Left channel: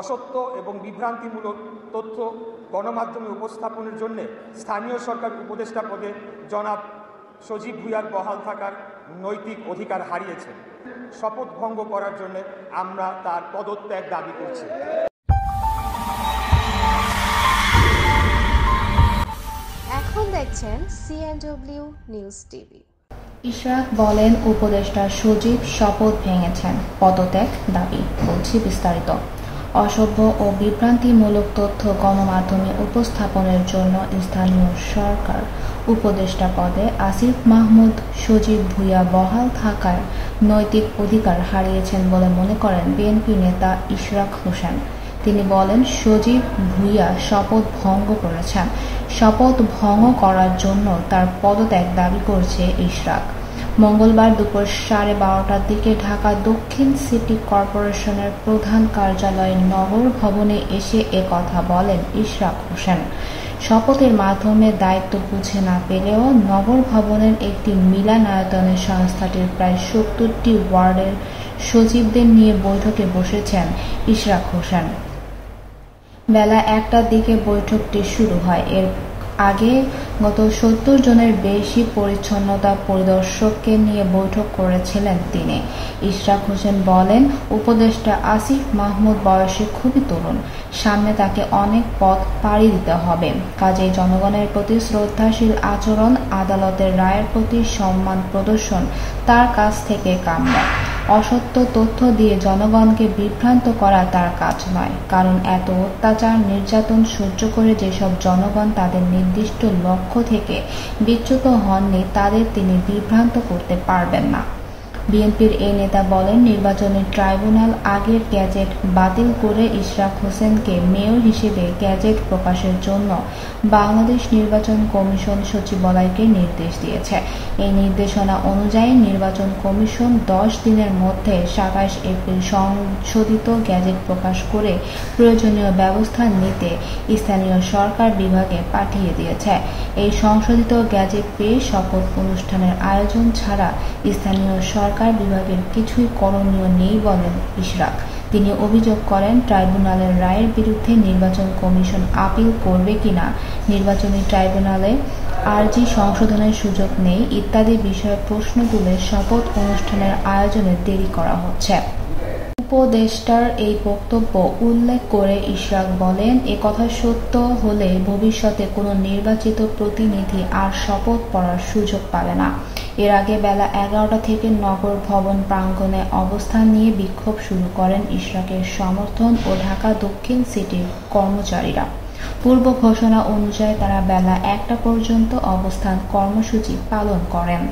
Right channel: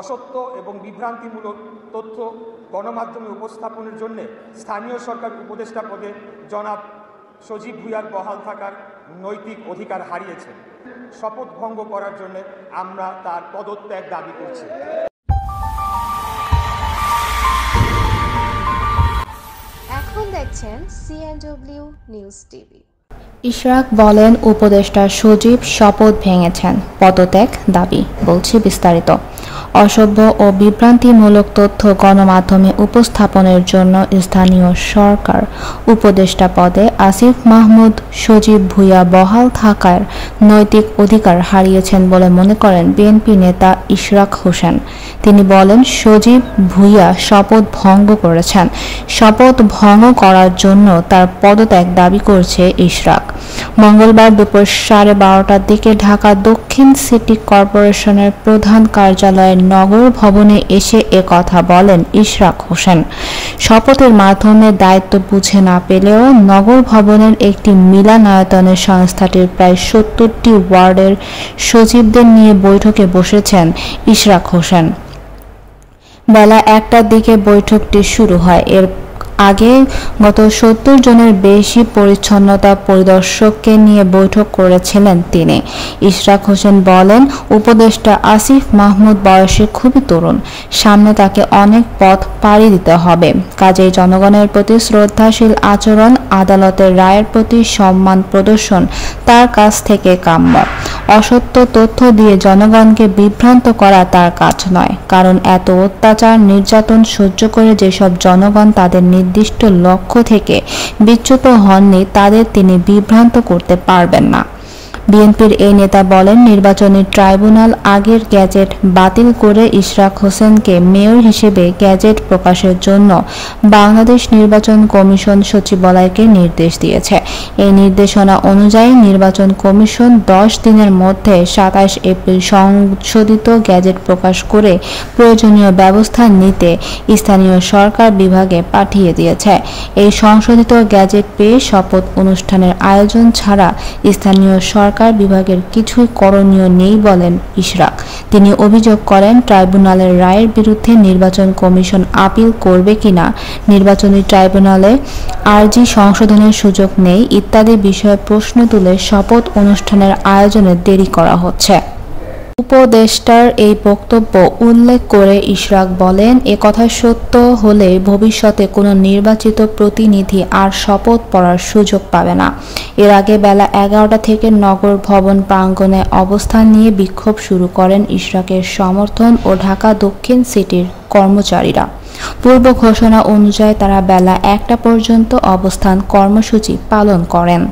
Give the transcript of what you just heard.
অসত্য এবং বিভ্রান্তিমূলক তথ্য গণমাধ্যমে উপস্থাপনের জন্য স্থানীয় সরকার উপদেষ্টা পদে জনাব সজীব ভুঁইয়ার বহাল থাকার নৈতিক অধিকার হারিয়েছেন। শপথ ভঙ্গ করার জন্য আমরা তার পদত্যাগ দাবি করছি। এখন দেখছেন CNW নিউজ টিভি। ইশরাক বলেন, উপদেষ্টা সজীব শপথ ভেঙেছেন, পদত্যাগ দাবি। বলছি বিস্তারিত। অসভ্য ও বিভ্রান্তিমূলক তথ্য গণমাধ্যমে উপস্থাপনের জন্য স্থানীয় সরকার উপদেষ্টা পদে আসিফ মাহমুদ সজীব ভুঁইয়া বহাল থাকার নৈতিক অধিকার হারিয়েছেন বলে মনে করেন বিএনপি নেতা ইশরাক হোসেন। তিনি বলেন, সজীব ভুঁইয়া শপথ ভঙ্গ করেছেন। শপথ ভঙ্গ করার জন্য তার পদত্যাগ দাবি করছে ইশরাক। মঙ্গলবার দুপুর 12:30টার দিকে ঢাকা দক্ষিণ সিটি কর্পোরেশনের প্রধান কার্যালয়ের নগর ভবনে এসে কথা বলেন ইশরাক হোসেন। শপথের মাধ্যমে দায়িত্ব বুঝে না পেলেও নগর ভবনের একটি মিলনায়তনে সংস্থাটির প্রায় 70টি ওয়ার্ডের সচিবদের নিয়ে বৈঠকে বসেছেন ইশরাক হোসেন। বেলা 1টার দিকে বৈঠকটি শুরু হয়। এর আগে গত 70 জনের বেশি পরিচ্ছন্নতা পরিদর্শককে নিয়ে বৈঠক করেছিলেন তিনি। ইশরাক হোসেন বলেন, উপদেষ্টা আসিফ মাহমুদ বয়সে খুবই তরুণ, সামনে তাকে অনেক পথ পাড়ি দিতে হবে। কাজেই জনগণের প্রতি শ্রদ্ধাশীল আচরণ, আদালতের রায়ের প্রতি সম্মান প্রদর্শন তার কাছ থেকে কাম্য। অসত্য তথ্য দিয়ে জনগণকে বিভ্রান্ত করা তার কাজ নয়, কারণ এত অত্যাচার নির্যাতন সহ্য করে যেসব জনগণ তাদের নির্দিষ্ট লক্ষ্য থেকে বিচ্যুত হননি, তাদের তিনি বিভ্রান্ত করতে পারবেন না। বিএনপির এই নেতা বলেন, নির্বাচনী ট্রাইব্যুনাল আগের গ্যাজেট বাতিল করে ইশরাক হোসেনকে মেয়র হিসেবে গ্যাজেট প্রকাশের জন্য বাংলাদেশ নির্বাচন কমিশন সচিবালয়কে নির্দেশ দিয়েছে। এই নির্দেশনা অনুযায়ী নির্বাচন কমিশন 10 দিনের মধ্যে 27 এপ্রিল সংশোধিত গ্যাজেট প্রকাশ করে প্রয়োজনীয় ব্যবস্থা নিতে স্থানীয় সরকার বিভাগে পাঠিয়ে দিয়েছে। এই সংশোধিত গ্যাজেট পেয়ে শপথ অনুষ্ঠানের আয়োজন ছাড়া স্থানীয় সরকার বিভাগের কিছুই করণীয় নেই বলেন ইশরাক। তিনি অভিযোগ করেন, ট্রাইব্যুনালের রায়ের বিরুদ্ধে নির্বাচন কমিশন আপিল করবে কিনা, নির্বাচনী ট্রাইব্যুনালে আর্জি সংশোধনের সুযোগ নেই ইত্যাদি বিষয়ে প্রশ্ন তুলে শপথ অনুষ্ঠানের আয়োজনে দেরি করা হচ্ছে। উপদেষ্টার এই বক্তব্য উল্লেখ করে ইশরাক বলেন, একথা সত্য হলে ভবিষ্যতে কোনো নির্বাচিত প্রতিনিধি আর শপথ পড়ার সুযোগ পাবে না। এর আগে বেলা 11টা থেকে নগর ভবন প্রাঙ্গণে অবস্থান নিয়ে বিক্ষোভ শুরু করেন ইশরাকের সমর্থন ও ঢাকা দক্ষিণ সিটির কর্মচারীরা। পূর্ব ঘোষণা অনুযায়ী তারা বেলা 1টা পর্যন্ত অবস্থান কর্মসূচি পালন করেন।